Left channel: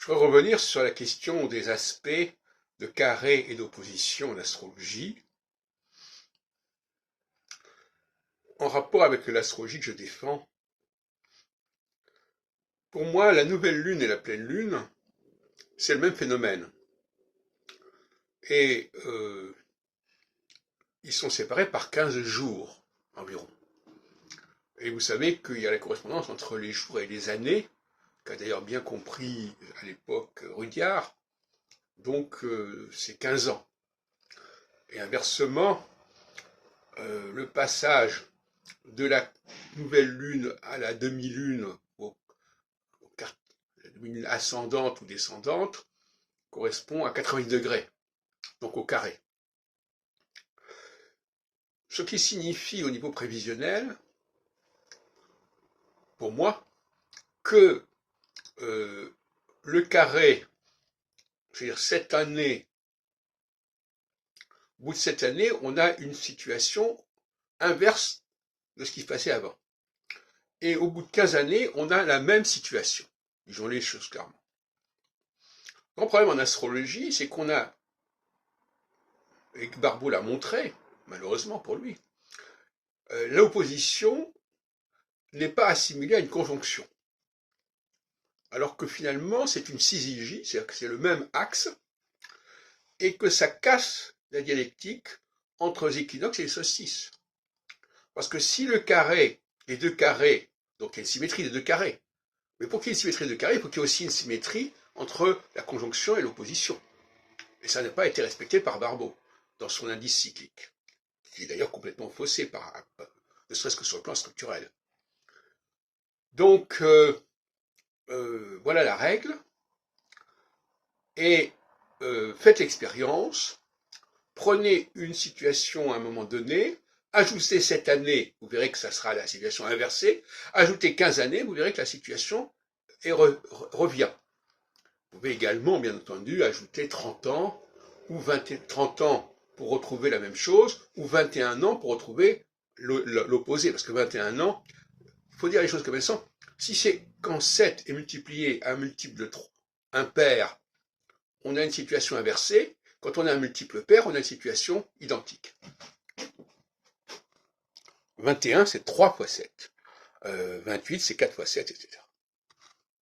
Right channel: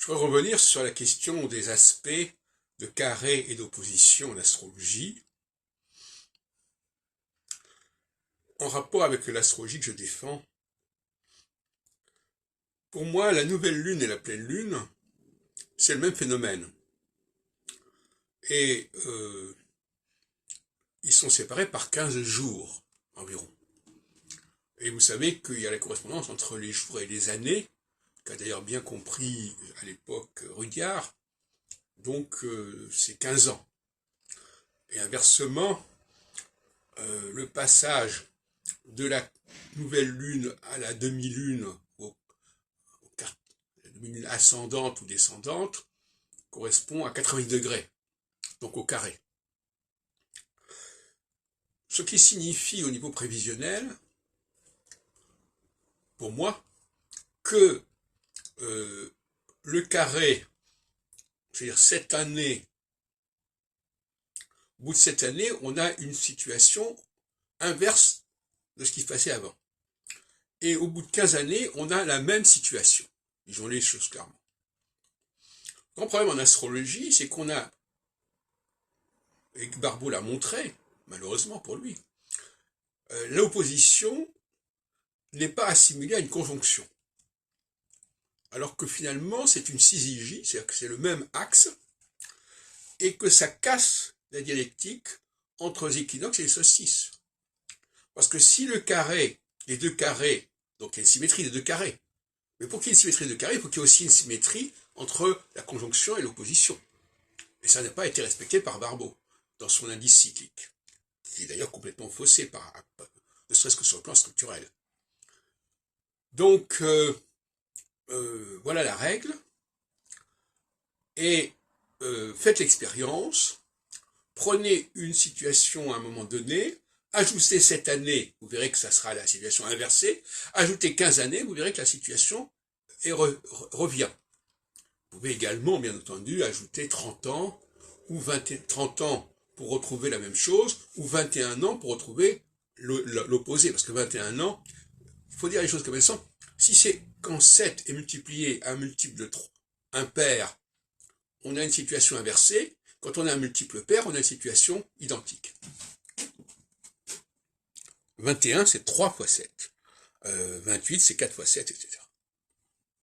Je voudrais revenir sur la question des aspects de carré et d'opposition en astrologie, en rapport avec l'astrologie que je défends. Pour moi, la nouvelle lune et la pleine lune, c'est le même phénomène. Et ils sont séparés par 15 jours environ. Et vous savez qu'il y a la correspondance entre les jours et les années, qu'a d'ailleurs bien compris à l'époque Rudyard, donc c'est 15 ans. Et inversement, le passage de la nouvelle lune à la demi-lune, la demi-lune ascendante ou descendante, correspond à 90 degrés, donc au carré. Ce qui signifie au niveau prévisionnel, pour moi, que le carré, c'est-à-dire cette année, au bout de cette année, on a une situation inverse de ce qui se passait avant. Et au bout de 15 années, on a la même situation. Disons les choses clairement. Le problème en astrologie, c'est qu'on a, et Barbeau l'a montré, malheureusement pour lui, l'opposition n'est pas assimilée à une conjonction. Alors que finalement, c'est une syzygie, c'est-à-dire que c'est le même axe, et que ça casse la dialectique entre les équinoxes et les solstices. Parce que si le carré, les deux carrés, donc il y a une symétrie des deux carrés, mais pour qu'il y ait une symétrie des deux carrés, il faut qu'il y ait aussi une symétrie entre la conjonction et l'opposition. Et ça n'a pas été respecté par Barbeau dans son indice cyclique, qui est d'ailleurs complètement faussé, ne serait-ce que sur le plan structurel. Donc, voilà la règle, et faites l'expérience, prenez une situation à un moment donné, ajoutez cette année, vous verrez que ça sera la situation inversée, ajoutez 15 années, vous verrez que la situation revient. Vous pouvez également, bien entendu, ajouter 30 ans, ou 30 ans pour retrouver la même chose, ou 21 ans pour retrouver l'opposé, parce que 21 ans, il faut dire les choses comme elles sont. Si c'est quand 7 est multiplié à un multiple de 3, impair, on a une situation inversée. Quand on a un multiple pair, on a une situation identique. 21, c'est 3 fois 7. 28, c'est 4 fois 7, etc.